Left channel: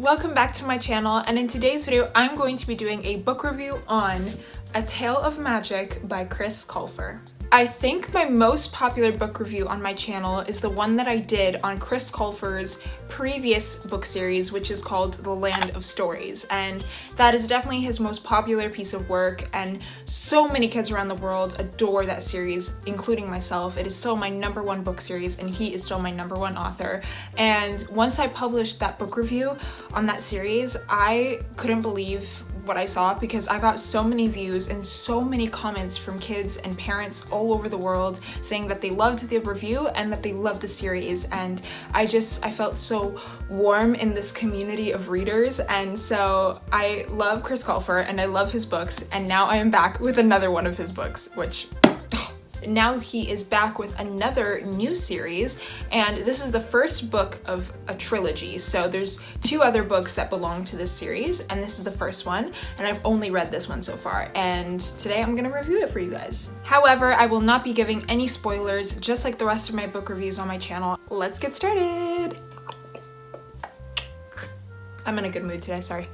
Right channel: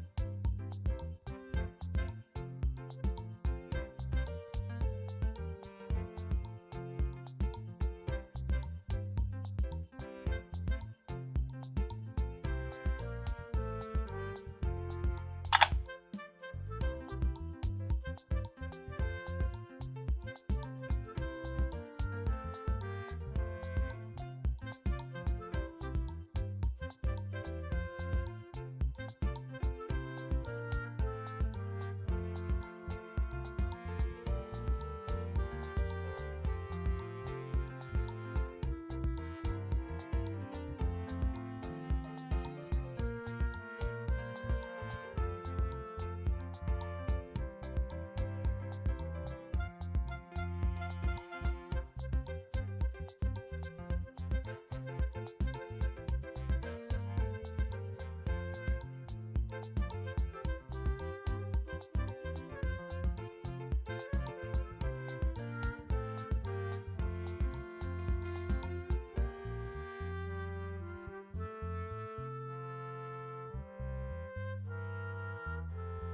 welcome back to my channel, and in today's video I'm going to be doing a book review on A Tale of Magic by Chris Colfer. I think my most popular book review on my channel is the one that I did on Chris Colfer's previous book series, which is called The Land of Stories, and that is definitely his most popular piece of work, and so many kids around the world adore that series, including myself. It is still my #1 book series, and he is still my #1 author. And once I published that book review on that series, I couldn't believe what I saw, because I got so many views and so many comments from kids and parents all over the world saying that they loved the review and that they loved the series, and I felt so warm in this community of readers. And so I love Chris Colfer and I love his books, and now I am back with another one of his books, which now he is back with another new series, and this is the first book of a trilogy. So there's 2 other books that belong to this series, and this is the first one, and I've only read this one so far, and today I'm gonna review it for you guys. However, I will not be giving any spoilers, just like the rest of my book reviews on my channel. Let's get started. I'm in a good mood today, sorry.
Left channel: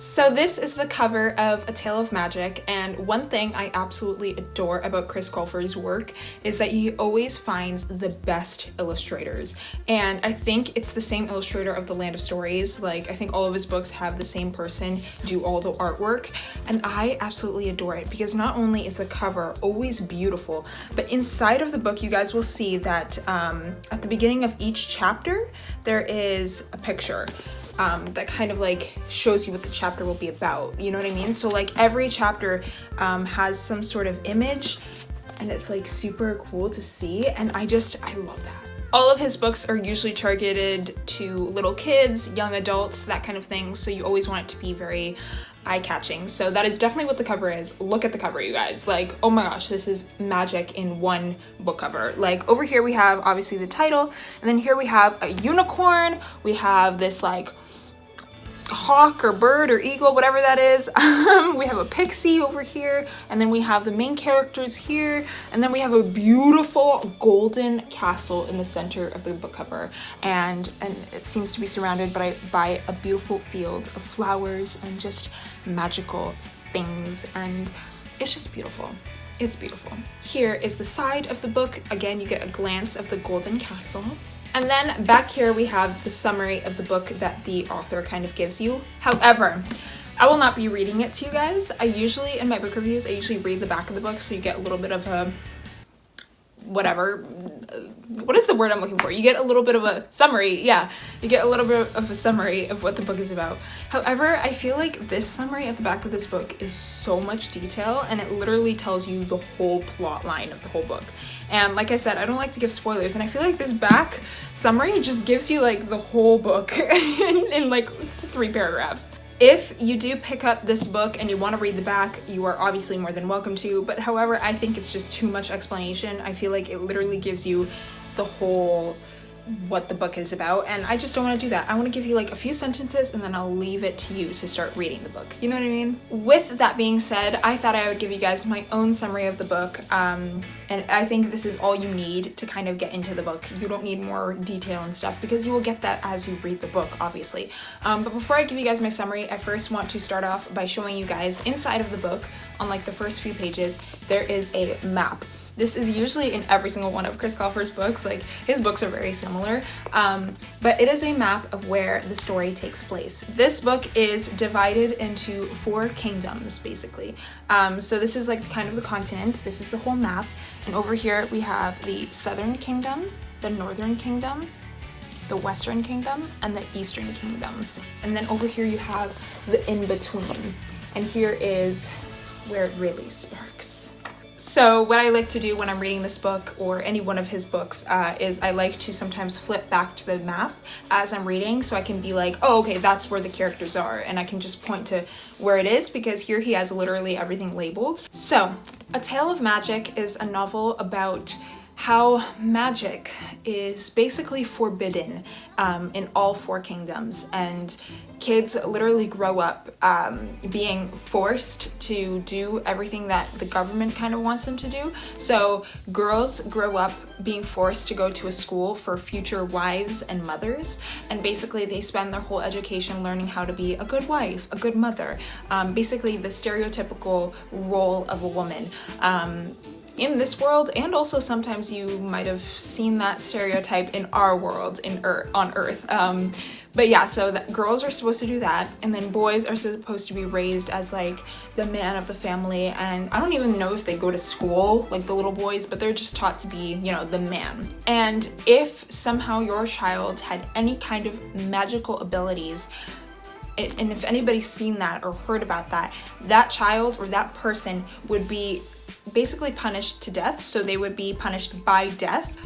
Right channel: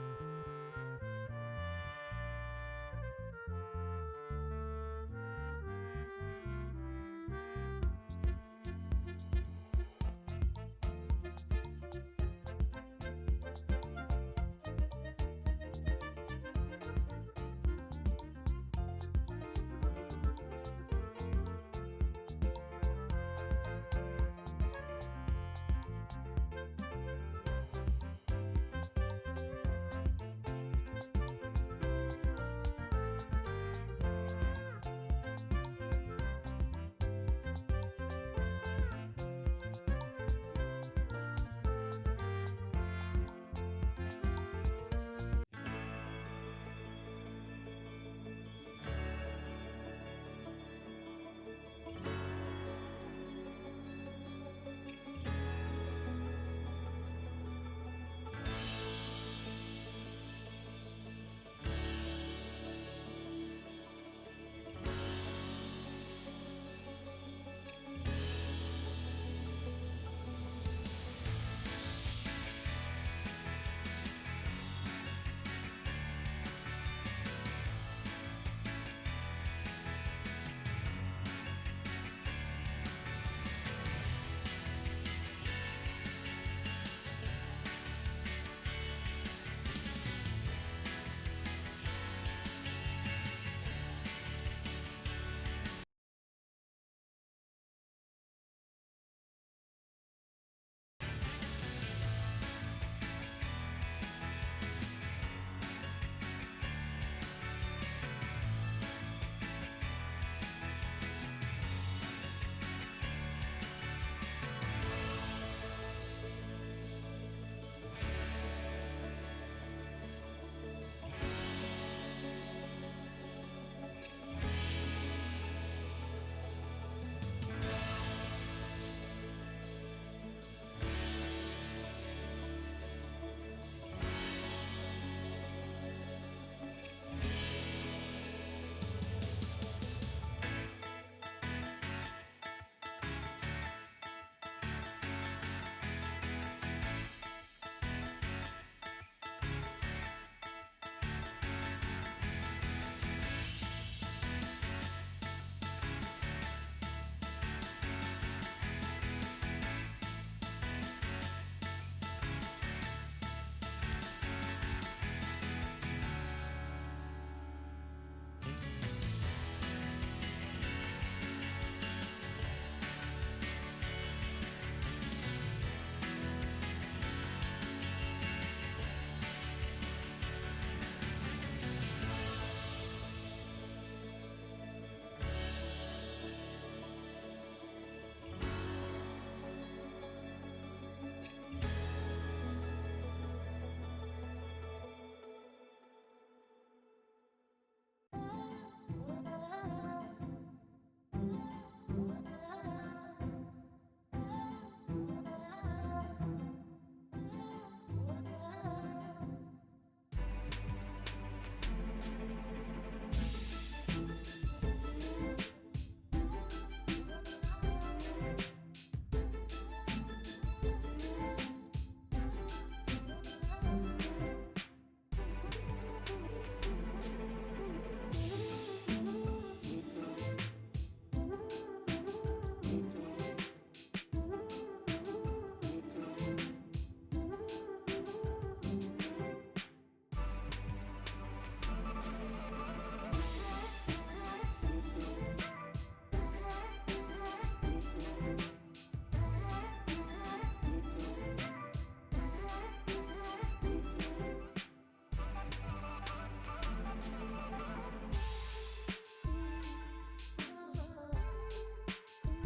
So this is the cover of A Tale of Magic, and one thing I absolutely adore about Chris Colfer's work is that he always finds the best illustrators, and I think it's the same illustrator of The Land of Stories. Like, I think all of his books have the same person do all the artwork, and I absolutely adore it because not only is the cover always beautiful, but inside of the book you guys will see that at the beginning of each chapter there is a picture that kind of like shows you what the chapter will be about, you know what I mean? So like every chapter has some sort of image, and it's like super cool to see, and I love that. All of his books are usually targeted to little kids, young adults, that kind of thing, so you always want it to be very eye-catching. So that is definitely what the cover is. Look at the cover, you guys. Like, oh my gosh, this is magic in one book cover. Like, over here we have obviously the title, and then here we have a unicorn, we have this like hawk or bird or eagle, whatever that is. We have a pixie over here, and then we have the main characters here, and then we have a beautiful golden castle in the center of the book cover, and it seems to be surrounded by a beautiful field of flowers and just magical things, and it's just beautiful. It's beautiful. Here is the side of the book. Again, you get a glance of the golden castle. And then back here we have the summary of the book that the author kind of gives you. However, I will not be reading it to you guys. In my book reviews, I usually read the back of the book, so you get a little bit of a, whatever, what is the word I'm looking for? You get a little bit of a summary, yeah. You get a little bit of a summary of what the book is about. However, I feel like this summary at the back of this book is so much detail, and it literally tells you the whole plot line of the whole book. And like I said, I don't like to give spoilers, and I feel like this back summary just gives you like the whole book in like 3 paragraphs. If you do pick up this book and you want to read the back, you are obviously more than welcome to, but however, I think it's just too much explanation. I feel like it literally gives you the whole what the book is about, and I just don't want to do that. I want to give you like a few sentences, and then I'll leave it to you to start reading the book. You know what I mean? With that being said, I thought I would give you guys my own summary of the book, and I think this is all you need to kind of get into the book. You don't need more detail and stuff, because you will get that as you read the book, obviously. But before I give you guys my summary, I first want to start off by showing you guys inside of the book, on like the first few pages, there is a map. This is usually in every single one of Chris Colfer's books, like his books are very similar, but it is a map of where the story takes place. This book is divided into 4 kingdoms, basically. So this is like kind of the continent, this is the whole map, and over here we have the Southern Kingdom, the Northern Kingdom, the Western Kingdom, and the Eastern Kingdom. And then over here you have the in-between, and here is where it really sparks. So what I like to do when I'm reading this book, or any one of his books, is I like to sometimes flip back to the map as I'm reading, so I can be like, oh, okay, that's where the characters are, and I can just point to where it is, because here he has literally everything labeled. So, A Tale of Magic is a novel about how magic is basically forbidden, in all 4 kingdoms, and kids literally grow up being forced to do everything that the government kind of wants them to do. So girls grow up being forced to go to a school for future wives and mothers, and basically they spend their whole education learning how to be a good wife, a good mother, basically the stereotypical role of a woman in this world, and also sometimes you might have seen that stereotype in our world on Earth. But yeah, so girls are supposed to do that, and then boys are supposed to be raised as like the man of the family, and I don't even know if they go to school like the little boys, but they're just taught to be, you know, the man. And if somehow your child had any kind of magical abilities, and if anybody's seen that or heard about that, that child or that person would be basically punished to death. So they would be punished by death.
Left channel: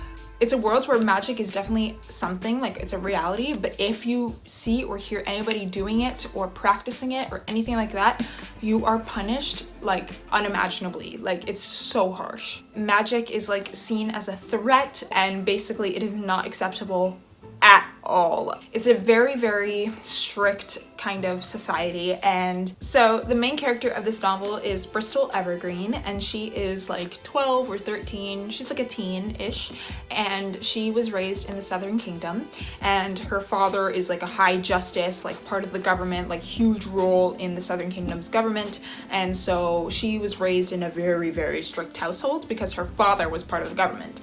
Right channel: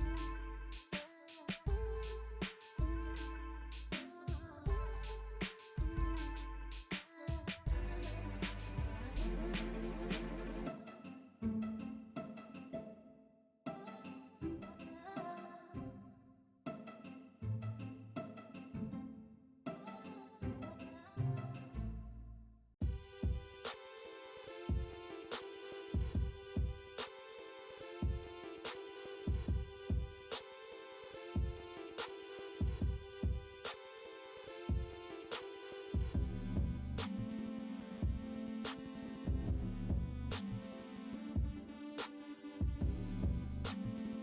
It's a world where magic is definitely something, like it's a reality, but if you see or hear anybody doing it or practicing it or anything like that, you are punished like unimaginably. Like, it's so harsh. Magic is like seen as a threat, and basically it is not acceptable at all. It's a very, very strict kind of society. And so the main character of this novel is Bristol Evergreen, and she is like 12 or 13. She's like a teen-ish, and she was raised in the Southern Kingdom, and her father is like a high justice, like part of the government, like huge role in the Southern Kingdom's government. And so she was raised in a very, very strict household because her father was part of the government.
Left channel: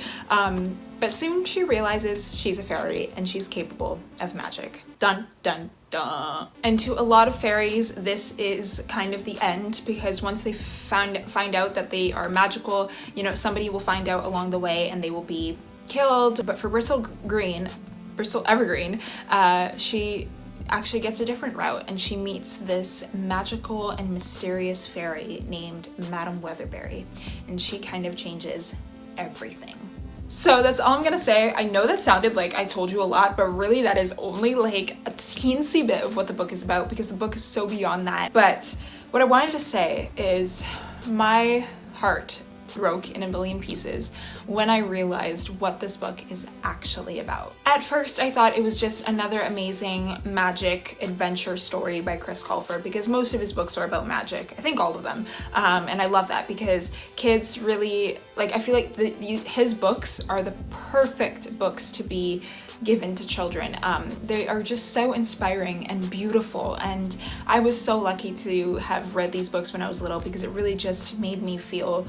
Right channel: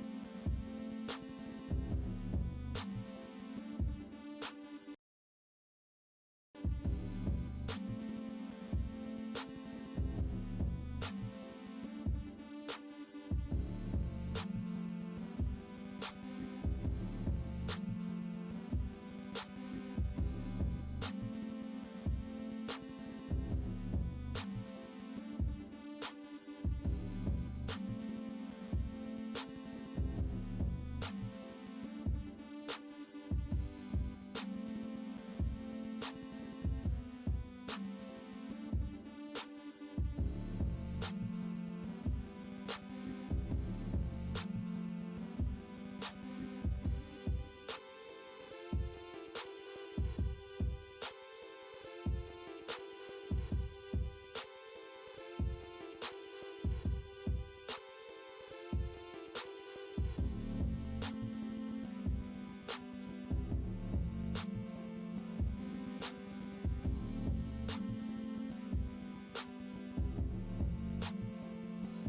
But soon she realizes she's a fairy and she's capable of magic. Dun, dun, dun. And to a lot of fairies, this is kind of the end, because once they find out that they are magical, you know, somebody will find out along the way and they will be killed. But for Bristol Evergreen, she actually gets a different route, and she meets this magical and mysterious fairy named Madame Weatherberry, and she kind of changes everything. So that's all I'm gonna say. I know that sounded like I told you a lot, but really that is only like a teensy bit of what the book is about, because the book is so beyond that. But what I wanted to say is my heart broke in a million pieces when I realized what this book is actually about. At first, I thought it was just another amazing magic adventure story by Chris Colfer, because most of his books are about magic. I think all of them. And I love that, because kids really, like, I feel like his books are the perfect books to be given to children. They are just so inspiring and beautiful, and I was so lucky to have read these books when I was little, because it really just made me feel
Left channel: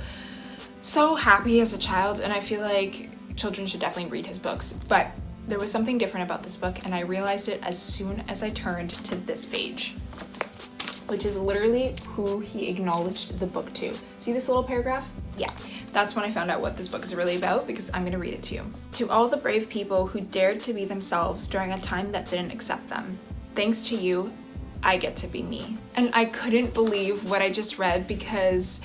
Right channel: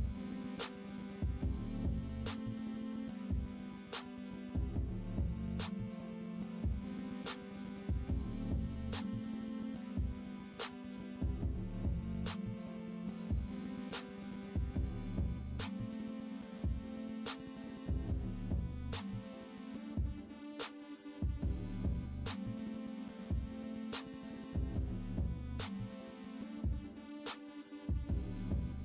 so happy as a child, and I feel like children should definitely read his books. But there was something different about this book, and I realized it as soon as I turned to this page, which is literally who he acknowledged the book to. See this little paragraph? Yeah, that's when I found out what this book is really about, because I'm gonna read it to you. To all the brave people who dared to be themselves during a time that didn't accept them, thanks to you, I get to be me. And I couldn't believe what I just read, because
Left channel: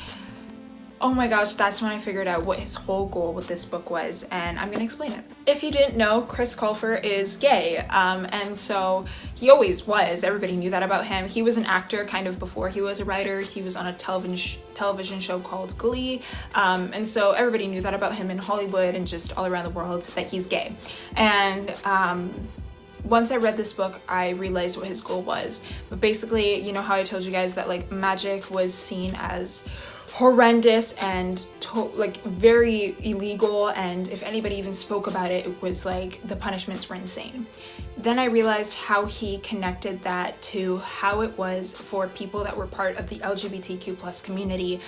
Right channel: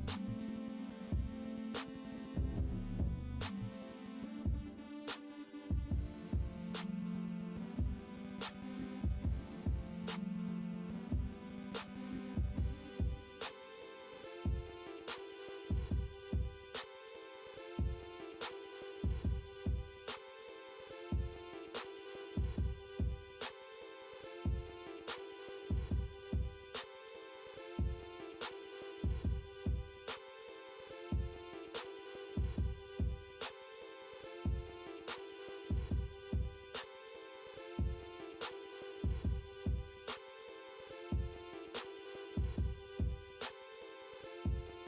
oh my gosh, that's when I figured out what his whole goal with this book was, and I'm gonna explain it. If you didn't know, Chris Colfer is gay, and so he always was. Everybody knew that about him. He was an actor kind of before he was a writer. He was on a television show called Glee, and so everybody knew that about him in Hollywood and just all around the world, that he's gay. And once I read this book, I realized what his goal was. But basically, you know how I told you guys that like magic was seen as horrendous and like very illegal, and if anybody even spoke about it, it was like the punishments were insane. Then I realized how he connected that to how it was for people that were part of the LGBTQ+ community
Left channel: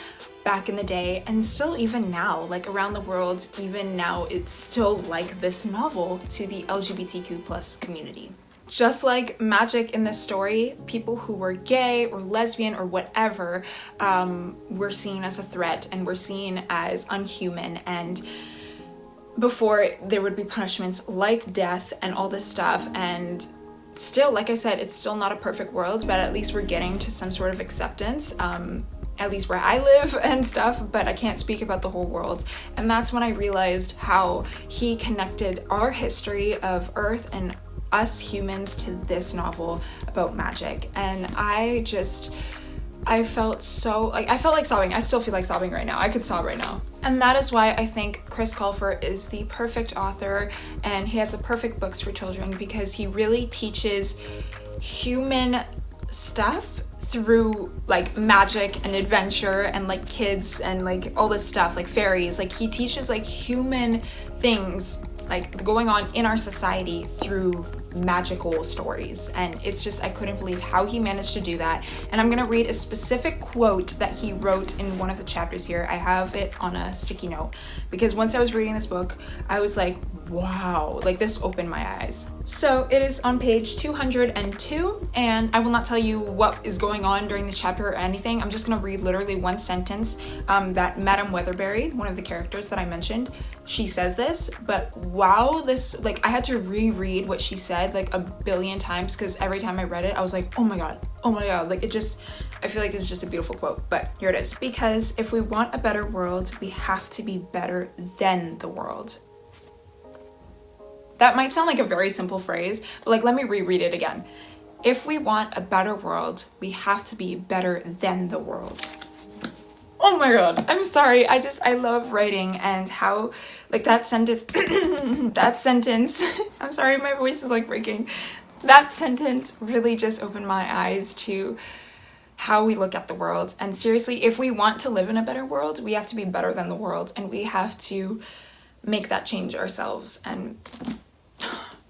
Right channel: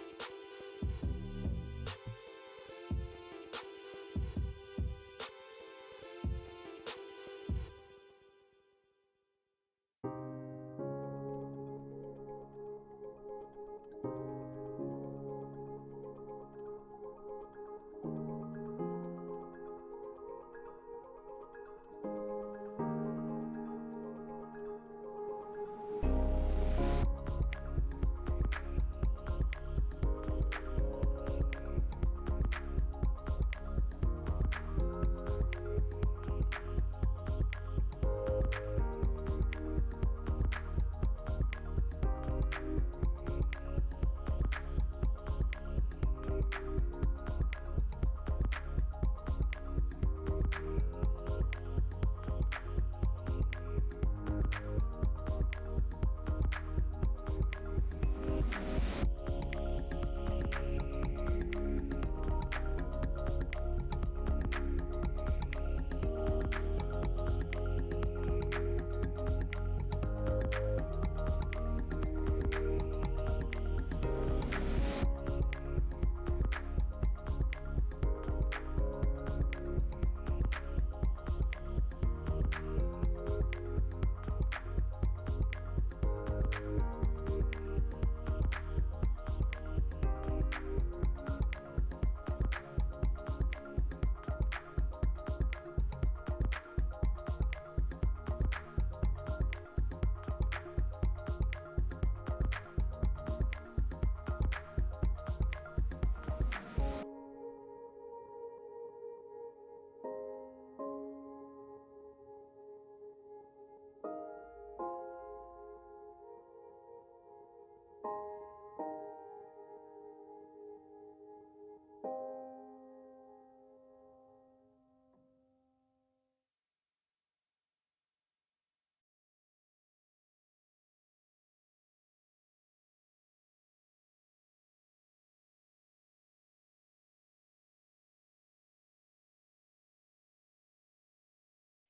back in the day, and still even now, like around the world, even now, it's still like this novel to the LGBTQ+ community. Just like magic in this story, people who were gay or lesbian or whatever were seen as a threat and were seen as unhuman, and before there would be punishments like death and all this stuff. And still, like I said, it's still not a perfect world, but at least we're getting to some sort of acceptance, at least where I live and stuff, but I can't speak about the whole world. And that's when I realized how he connected our history of Earth and us humans to this novel about magic. And I I felt like sobbing. I still feel like sobbing right now. I could sob right now. And that is why I think Chris Colfer is the perfect author, and he has the perfect books for children, because he really teaches human stuff through like magic and adventure and like kids and like all this stuff, like fairies. Like he teaches like human things like going on in our society through magical stories, and it's just, I couldn't believe how he managed to do that. And I'm gonna read a specific quote that he wrote in one of the chapters here. I have it on a sticky note, because once I was reading this book, I was like, wow, like this opened my eyes. So it is on page 202, and I will not tell you what is going on during this chapter or anything. I'm just gonna read literally one sentence that Madame Weatherberry, one of the characters that I mentioned, she says this, but wow, this, like, I had to reread what she said like a billion times, because every time I read it, I was like, oh my god, like it just, I feel like it's just a beautiful quote, but here it is. Because if we want a better world, we have to be better than the world. That might sound like a very simple phrase, but like, let me reread it again. If we want a better world, we have to be better than the world. Oh my god, I'm sorry. I love writing, and how like that sentence, I'm sorry, my voice is like breaking. That sentence really just opened my eyes to how we look at the world. And seriously, if we want to live in a better world, we have to be better than the world, and we have to make that change ourselves. And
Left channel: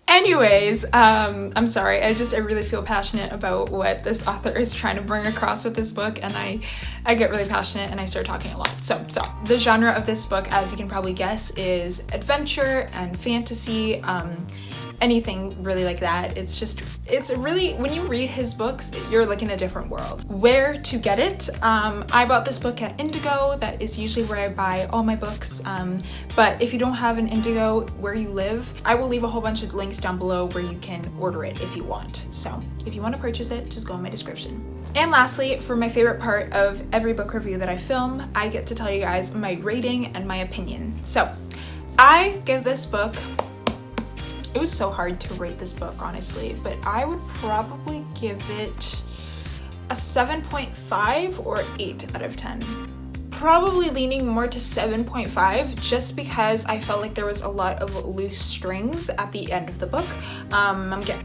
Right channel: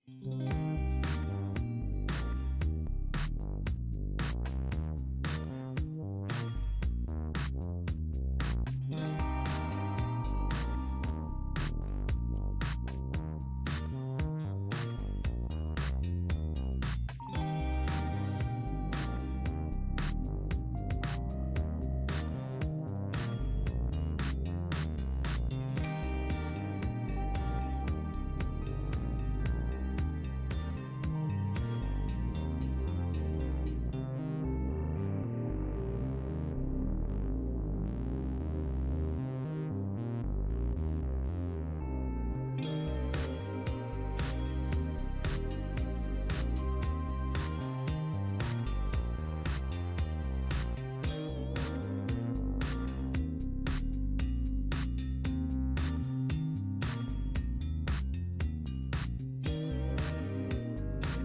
anyways, I'm sorry, I really feel passionate about what this author is trying to bring across with this book, and I get really passionate and I start talking a lot. So the genre of this book, as you can probably guess, is adventure and fantasy, anything really like that. It's really, when you read his books, you're like in a different world. Where to get it? I bought this book at Indigo. That is usually where I buy all my books. But if you don't have an Indigo where you live, I will leave a whole bunch of links down below where you can order it if you want. So if you want to purchase it, just go in my description. And lastly, for my favorite part of every book review that I film, I get to tell you guys my rating and my opinion. So I give this book, it was so hard to rate this book, honestly, but I would probably give it a 7.5 or 8 out of 10. Probably leaning more to 7.5, just because I felt like there was a lot of loose strings at the end of the book.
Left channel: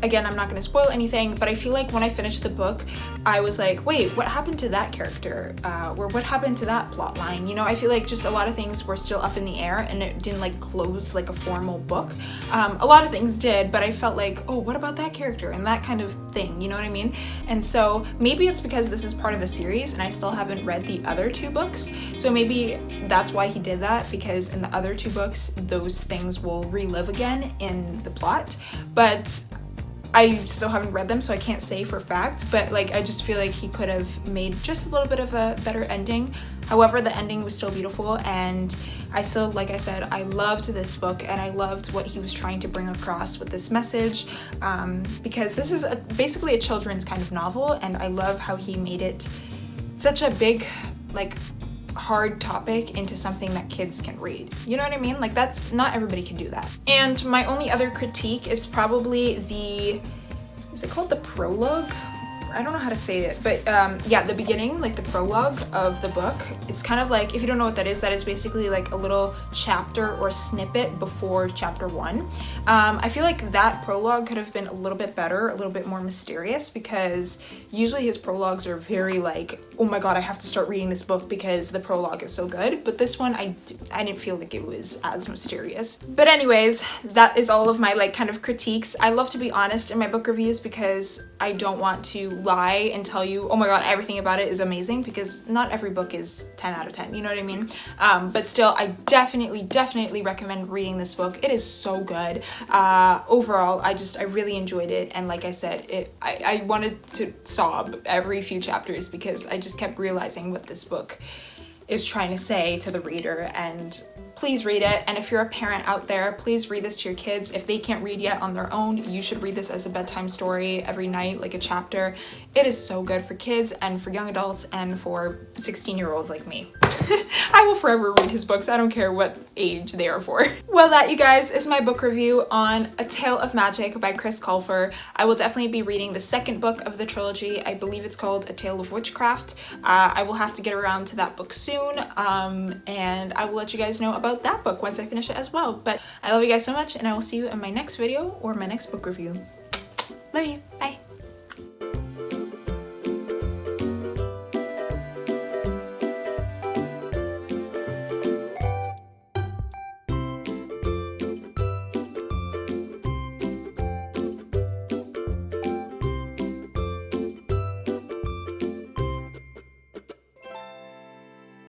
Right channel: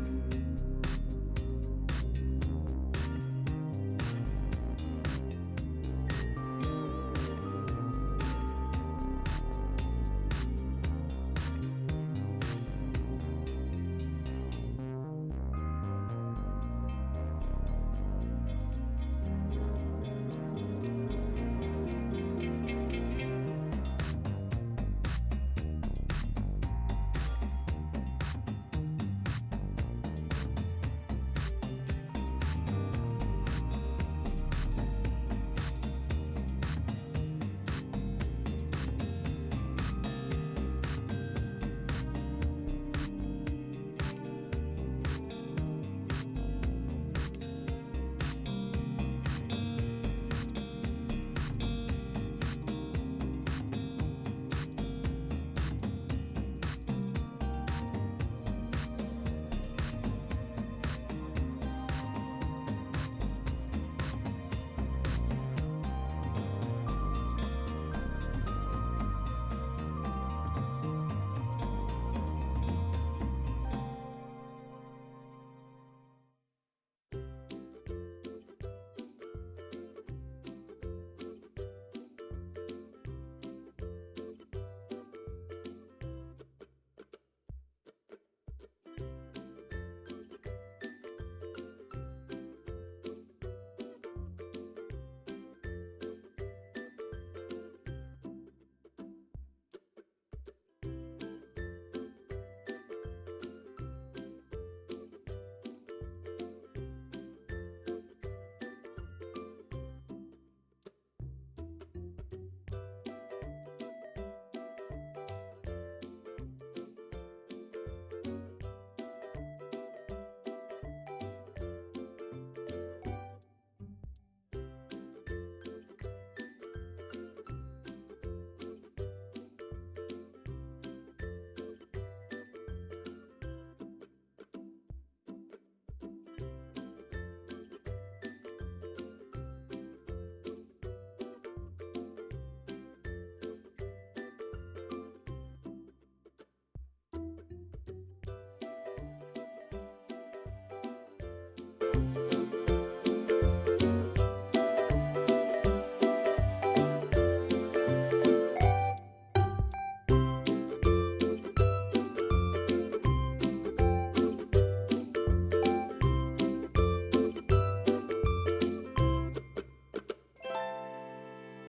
Again, I'm not going to spoil anything, but I feel like when I finished the book, I was like, wait, what happened to that character? Or what happened to that plot line? You know, I feel like just a lot of things were still up in the air, and it didn't like close like a formal book. A lot of things did, but I felt like, oh, what about that character? And that kind of thing, you know what I mean? And so maybe it's because this is part of a series and I still haven't read the other 2 books. So maybe that's why he did that, because in the other 2 books, those things will relive again in the plot. But I still haven't read them, so I can't say for fact, but like, I just feel like he could have made just a little bit of a better ending. However, the ending was still beautiful, and I still, like I said, I loved this book, and I loved what he was trying to bring across with this message, because this is basically a children's kind of novel, and I love how he made it such a big, like, hard topic into something that kids can read. You know what I mean? Like, that's, not everybody can do that. And my only other critique is probably is it called the prologue? I don't know how to say it, but yeah, the beginning, like the prologue of the book, it's kind of like, if you don't know what that is basically like a little chapter or snippet before chapter 1. I feel like that prologue could have been a little bit better, a little bit more mysterious, because usually his prologues are very like, oh my god, I have to start reading this book because the prologue is so good. But this one, I didn't feel like it was as mysterious. But anyways, that is all of my like kind of critiques. I love to be honest in my book reviews, because I don't want to lie and tell you, oh my god, everything about it is amazing, because not every book is 10 out of 10, you know what I mean? But still, I definitely recommend reading this book. It is so good. Overall, I really enjoyed it, and like I said, I wanted to sob every few chapters, because I just kept realizing what this book is trying to say to the reader. And please read it. And if you're a parent out there, please read this to your kids. If they can't read yet on their own, you should read this as a bedtime story every night, like a chapter. It is so good for kids and for young adults and for 16-year-olds like me. I will forever read his books. I don't care what age they are for. Well, that, you guys, is my book review on A Tale of Magic by Chris Colfer. I will definitely be reading the second book of the trilogy. I believe it's called A Tale of Witchcraft. I will have to get around to that book soon, and I will let you guys know about that book once I finish it as well. But I love you guys so much, and I will see you in my next video or my next book review. Love you. Bye.